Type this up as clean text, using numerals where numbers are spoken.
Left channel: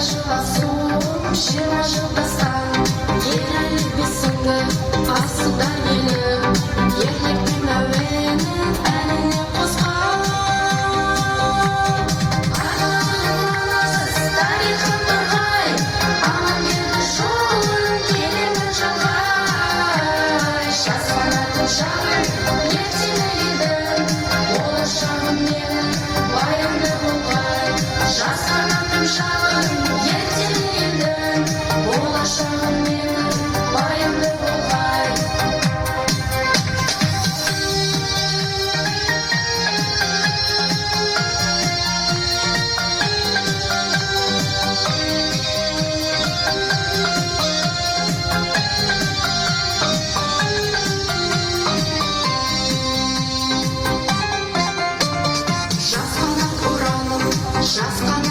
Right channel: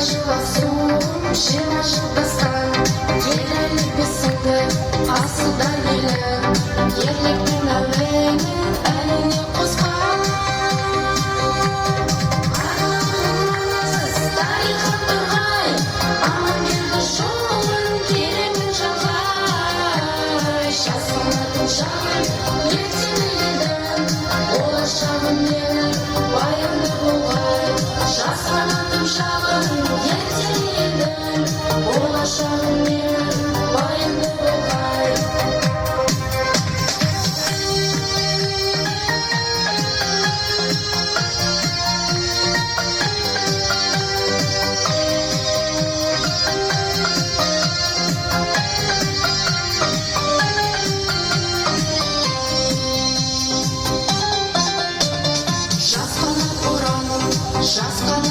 жила сум, жила дастан, елі бесінді, асыда елі, ерліктің әуені, әліне қосқан. Анасыз тарихын тұрғай, амангелді жолын керемін жалғай. Жазғанатын жағын, ертеңі еді, болашағым менің баянды болғай. Жазғанатын жағын, ертеңі еді, болашағым менің баянды болғай. Жазғанат ұраным, жазған